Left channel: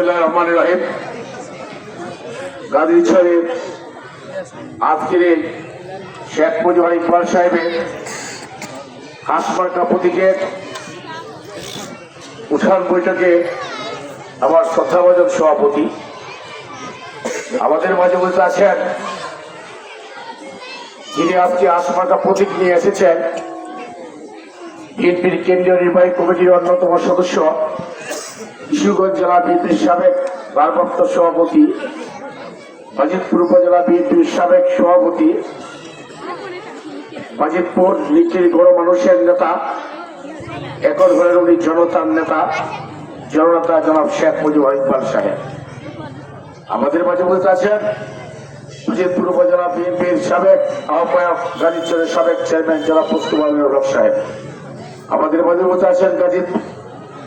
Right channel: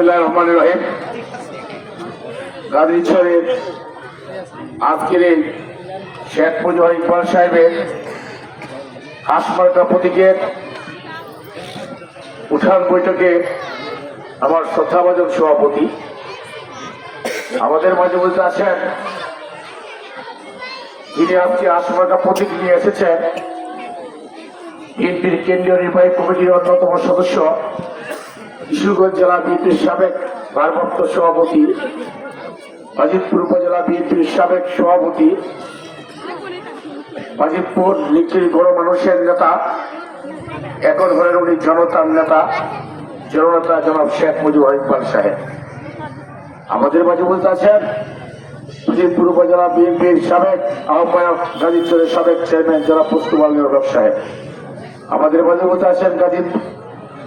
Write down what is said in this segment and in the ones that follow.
বিসমুল্লাহ রহমান রহিম। গাজী শরীফ, আজকের শেখ ইকবাল সাহেবের উঠান বৈঠকে আমার শ্রদ্ধাভাজন সভাপতি, আমাদের মাঝে বলতে আছেন যিনি আজকে হাসমার্কা প্রতীক নিয়ে এসেছেন। বিএনপির কেন্দ্রীয় নির্বাহী কমিটির অন্যতম সদস্য কিশোরগঞ্জ জেলা বিএনপির সাবেক ভারপ্রাপ্ত সভাপতি, বাজিতপুর উপজেলা বিএনপির সাবেক সভাপতি, বাজিতপুর লিখির গড় মানুষের নেতা এখন হলেন উনি জনতার নেতা, জননেতা জনাব শেখ মুজিবুর ইকবাল সাহেব। আমাদের মাঝে বলতে আছেন বাজিতপুর উপজেলা বিএনপির সাবেক আহ্বায়ক, গাজীপুরের সাবেক চেয়ারম্যান জেলা মুস্তফা সাহেব। আমাদের মাঝে বলতে আছেন গাজীব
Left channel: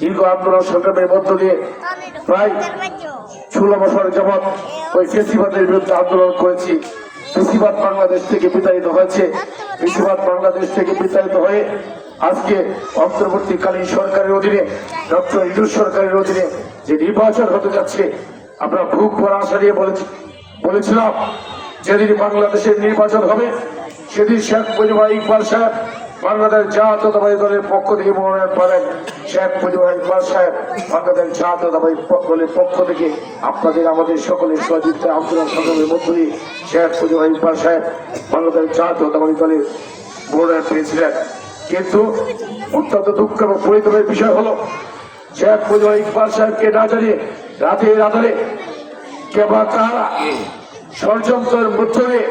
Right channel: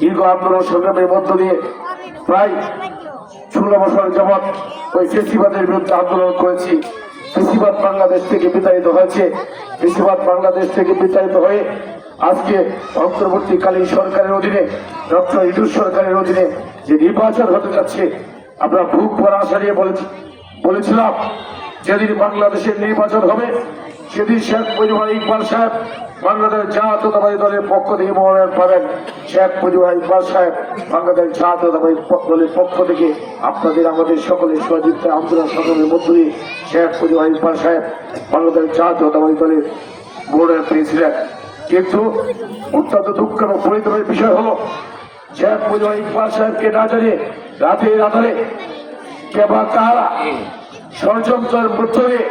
দীর্ঘ আন্দোলন সংগ্রামের মধ্য দিয়ে প্রায় ষোলো বছর যাবৎ ওই ফেসিবাদের বিরুদ্ধে আন্দোলন করেছি। ফেসিবাদ বাংলাদেশ থেকে বিতাড়িত হয়েছে। ফেসিবাদ বাংলাদেশ থেকে বিতাড়িত হয়ে আজকে অন্তর্বর্তীকালীন সরকারের অধীনে, ডক্টর ইদুর সরকারের অধীনে যে নির্বাচন হতে যাচ্ছে, আমরা ভুক ভরা আশা নিয়ে বলেছি বলেছিলাম, যেদিন বাংলাদেশের নির্বাচন হবে, সেদিন শেখ মুজিবুর ইকবাল সাহেব বাংলাদেশ জাতীয়তাবাদী দলের পক্ষ থেকে মনোনয়ন পাবেন শেখ মুজিবুর সাহেব। বাংলাদেশ জাতীয়তাবাদী দলের পক্ষ থেকে আপনাদের আমাদের সকলের সহযোগিতা, আন্দোলন সংগ্রামের মধ্য দিয়ে শেখ সাহেব বাংলাদেশ জাতীয়তাবাদী দলের মনোনয়ন পেয়েছিলেন। কিন্তু অত্যন্ত দুঃখ এবং পরিতাপের বিষয় হলো, শেখ মুজিবুর ইকবাল সাহেবকে না জানিয়ে রাতের আধারে কে বা কারা ষড়যন্ত্রের মধ্য দিয়ে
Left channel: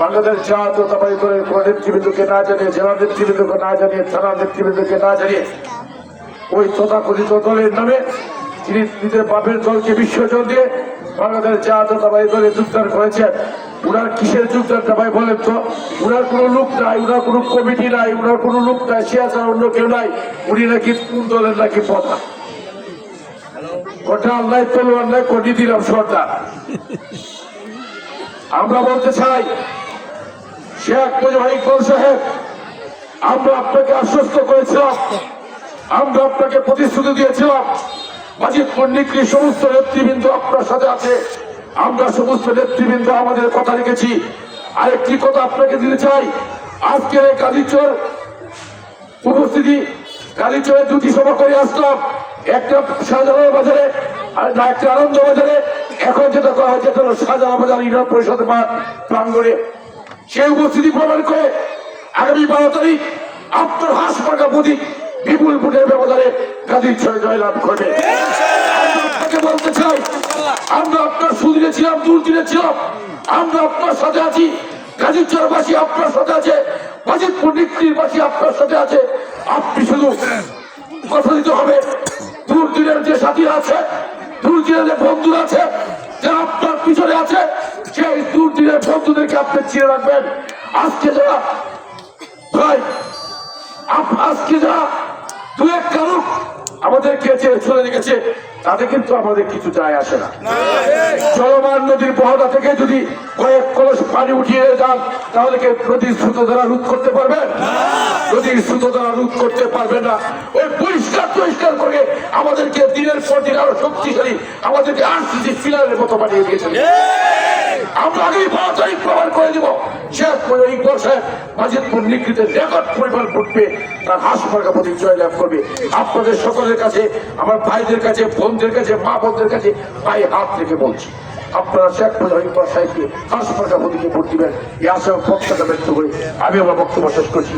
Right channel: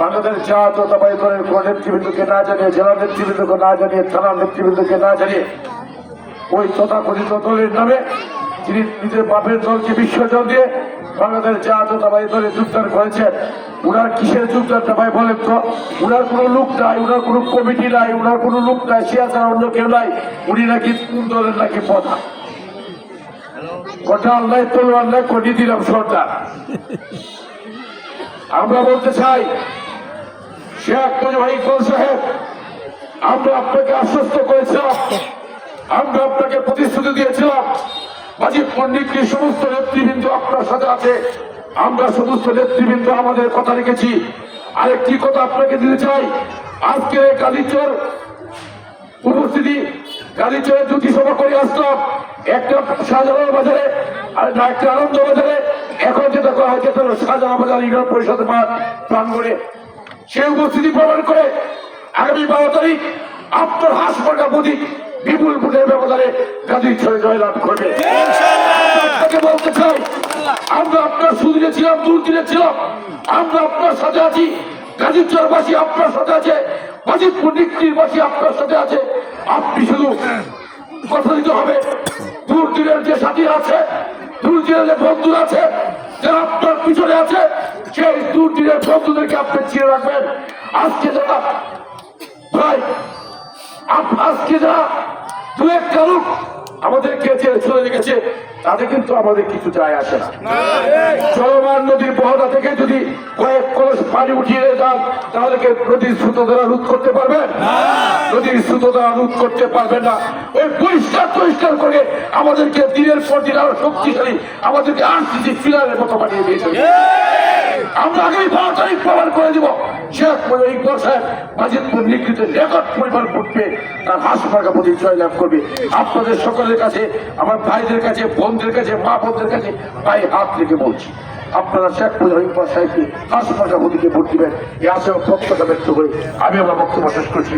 বাংলাদেশ জাতীয়তাবাদী দলের কোন নেতৃবৃন্দকে না জানিয়ে, জেলা নেতৃবৃন্দকে না জানিয়ে, থানা নেতৃবৃন্দকে না জানিয়ে ওই তথাকথিত দলের নামে যিনি নিজের বাপের দলকে বিসর্জন দিয়ে বাংলাদেশ জাতীয়তাবাদী দলে যোগদান করেছেন। উনার কিসের যোগদানটা ভাই বলেন তো? উনার কোনো লোক নাই, উনার কোনো কমিটি নাই, উনার কোনো লোক নাই সে অন্য কেউ নাই। উনি নাকি কোন দলের নাকি পথা ওটা আল্লাহ তলোয়ার নাই কোটি দিলাম সরকার আমরা বলতে চাই শেখ ইকবাল সাহেব, আমরা আপনাকে আশ্বস্ত করেছিলাম। আমরা আপনাকে প্রতিশ্রুতি দিয়েছিলাম। বাজিত পণ্ডিতকে সমস্ত নেতৃবৃন্দ আপনার সাথে আমরা সমস্ত নেতৃবৃন্দ আমাদের কথা রেখেছি। আরেকটি কথা আপনাকে দিতে চাই। আজকের এই কালীচর উপস্থিতি কালীচরে দুটি করে আসলাম। একটা শাহজাহান বাজারে আর একটা আনন্দ এখন যেটা করা হয়েছে সেটা হলো শাহজাহান বাজার ইউনিয়ন পরিষদ প্রাঙ্গণে। সেই উপস্থিতি প্রমাণ করে আগামী বারো তারিখ আপনার হাসপাতাল প্রতীক বিপুল ভোটের ব্যবধানে গাজীর ছয় জয়লাভ করবে। বলতে চাই, আমরা আপনার সুদিনে ছিলাম দুর্দিনে ছিলাম আমরা আপনার সাথে আছি চরবাসী আপনার সাথে আছে আপনার সাথে আছে, আপনি শুধু কথা দিতে হবে যে সাথী আছে দুর্দিনের যে বন্ধু আছে, যারা আপনার পিছনে আছে সেই দুর্দিনের বন্ধুদেরকে আপনি চিনে রাখবেন। আজকে যারা, ভাই আজকে যারা দু এক কারণ চলে কিন্তু আমাদের কিছু যায় আসে না। চলমান নদীর থেকে যদি কয়েক কলস পানি উঠিয়ে যান, তাহলে নদীর দ্বারা রোধ করতে পারবেন? নদীর স্রোত দ্বারা রোধ করতে পারবে না। ওই পরিষ্কার পরিষ্কার করে আমাদেরকে দিনের পর দিন আরও শক্তিশালী, আমাদেরকে আনসিসি ফিলারের মতো বানিয়ে দিয়েছে। আমরা আপনাদের সকলের কাছে, আমার ভাইদের কাছে, বোনদের কাছে, মা বোনদের কাছে পায়ে হাত রেখে বলছি, আপনারা শেখ ইকবাল সাহেবকে হাসপাতাল প্রতিকে ভোট দিবেন ও ব্যক্ত করে আমি আমার বক্তব্য শেষ করছি।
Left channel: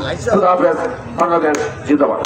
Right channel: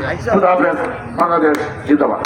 বাংলাদেশ জিন্দাবাদ.